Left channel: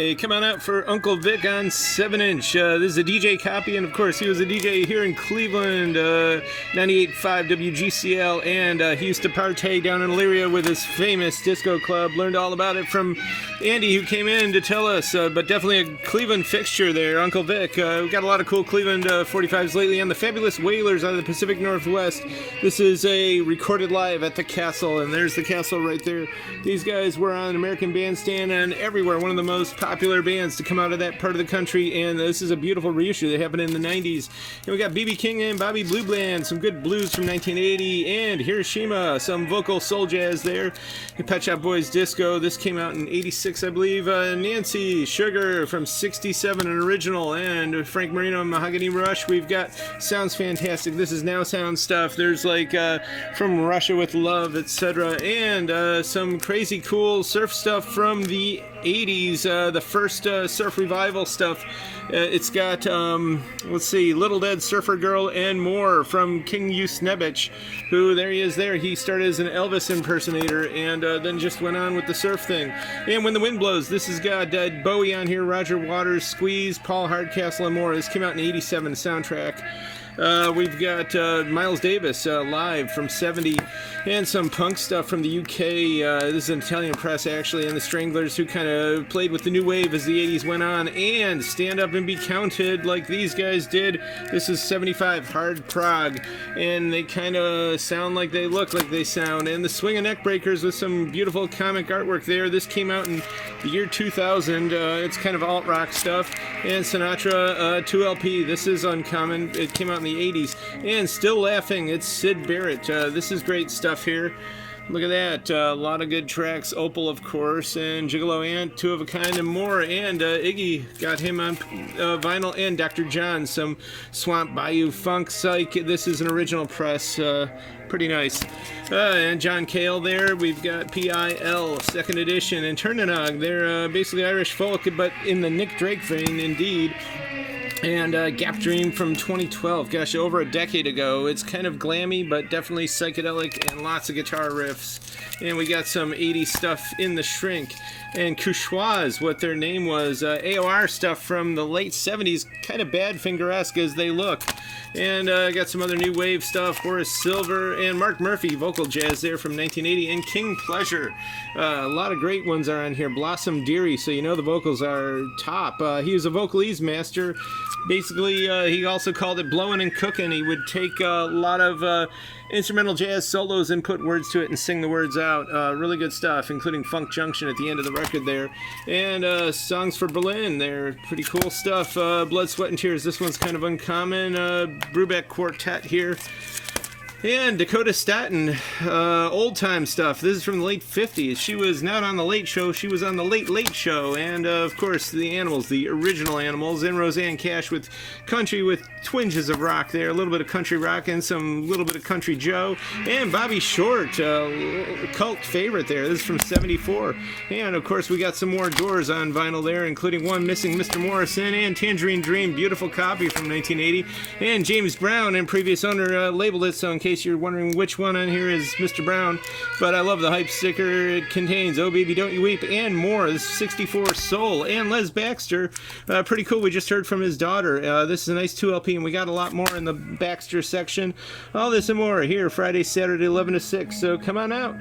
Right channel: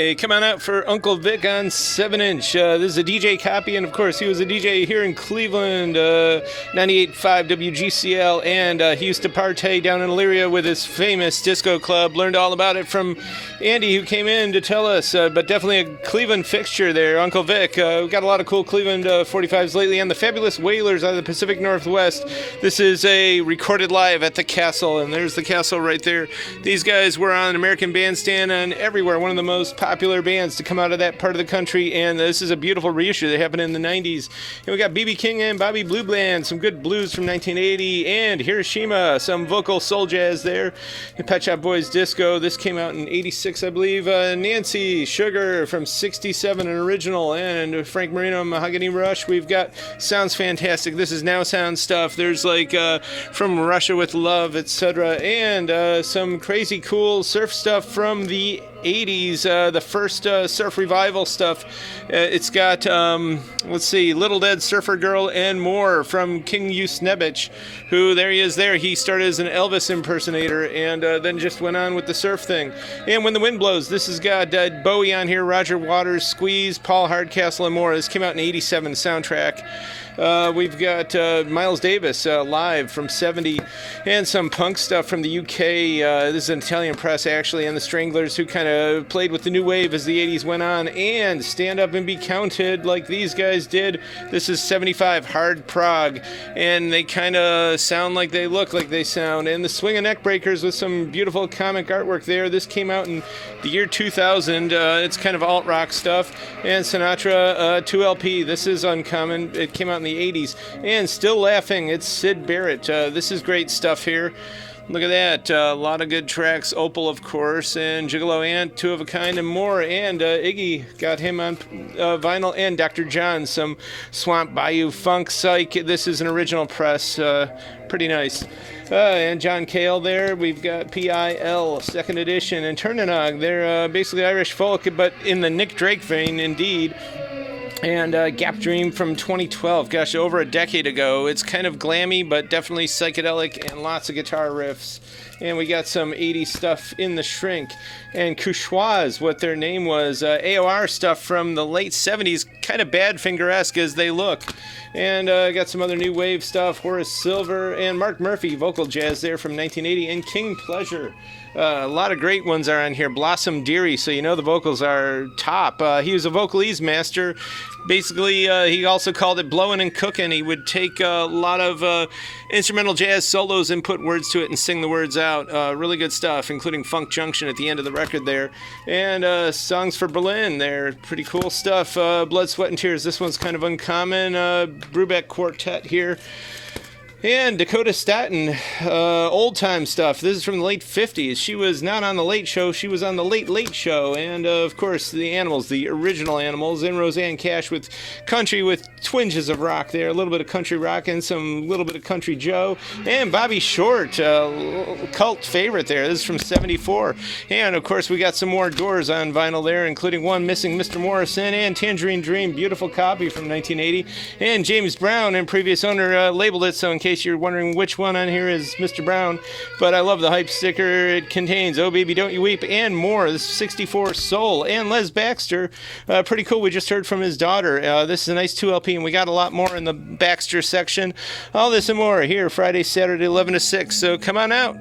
Hey, come on out for Uncle Vic on 7-inch. This is a DJ copy, and of course, he was a DJ here in Cleveland, 98.5 WGCL, and he used to partay down in Elyria with his famous disco club. Learned all about it from Andy, who came in to tell us, but definitely a Cleveland fixture there, Uncle Vic. We've got a lot of cool Cleveland 45s lately, and the Fabulous Wailers out of the Pacific Northwest. This is a recorded live at the Castle, and there's the Castle right there. These guys were on American Bandstand and everywhere, one of the most popular bands to come out of that part of the country, and this is a beautiful reissue. They happened in the 90s. And we got B.B. King and Bobby Blue Bland, some good blues from 1980, and Hiroshima, some vocal soul jazz there. And Pet Shop Boys Disco, this came out in 86, I believe. Nancy Sugar from 67, an original, and Frank Marino, Mahogany Rush. We've got Sounds Fantastic. This is Now Sound stuff. There's like From Russia with Love, etc., and some crazy cool surf stuff from the 80s, the first surf revival stuff. It's got, let's see, Little Dead Surfer Girl and more from King Usnebich, who, there he is there. He started as an Elvis impersonator and then just went on with the surf thing. And When the Wind Blows, this has got Bowie on here, Roger Waters, Squeeze, Paul Hardcastle, and more. This came out in 87, soundtrack. We've got Miles Davis live from 70, and some punk stuff from the UK. This is an Italian press, actually, and the Stranglers, who kind of played with the new wave as the 80s went on, and Stand Up and Be Counted like these guys did. This is 75, Hard Prog, and they kind of sound like they look like they sound. And the Swing and Neck Breakers with some beautiful comic artwork there. This came out in the year 2000. It's kind of alt-rock stuff. And Sinatra 2LP. This is uncommon. It came out in the 80s. And Still Laughing, it's Sid Barrett. This is great stuff here. Look at that. A lot of good tracks. Opal, of course, and Gigolo Ant, Two of a Kind, and more. And Iggy got him on vinyl. And Dr. John, some Swamp Bayou Funk Psych. This is an original press. Pretty nice. And John Cale there. We've got PIL, second edition. And Turnanog. They're basically Irish folk, but in the Nick Drake vein, indeed. And Gap Dream from 2012, gosh, over a decade ago. It's kind of glammy, but definitely psychedelic and lots of guitar riffs. And we got some 80s stuff in the Shrink. And Couchoise, what their name was, AOR stuff from the late 70s, kind of Badfinger-esque as they look. And got some other new wave stuff, Horace Silver and Mark Murphy, vocal jazz there from 1980, and King Pleasure. A lot of great ones are on here. Blossom Dearie, so you know the vocals are top. He was a vocalese master. Basically, he also called it blowing and cooking. He would take a lot of instrumental jazz solos and put words to it and sing the words out. Really good stuff, including Funk Junction at the end of the record there. And Songs for Berlin there. Pretty cool stuff. Blood, Sweat, and Tears. This one's kind of uncommon. Brubeck Quartet here. And Dakota Staten, old time stuff. This is from the late 50s. She was not on The Late Show, she was on The Late Late Show. And of course, the Animals, the original Animals, and Roseanne Cash with country with twinges of rock there. A little bit of country rock and some little bit of Country Joe. And Bobby Short, cult favorite there. This is from 74. And of course, we got some more Doors on vinyl there, including one Missing Mr. Morrison and Tangerine Dream, beautiful copy from 1980. And James Brown and previous owner labeled it, so in case you're wondering which one on here is Mr. Brown, but I love the hype sticker. It contains Oh Baby Don't You Weep and more. This is 64 Soul and Les Baxter. Pretty cool. We just heard from his daughter. This is a nice 2LP, and we got a lot more in the Baxter section. All this and more here Friday, Saturday, 11 to 6. So come on out.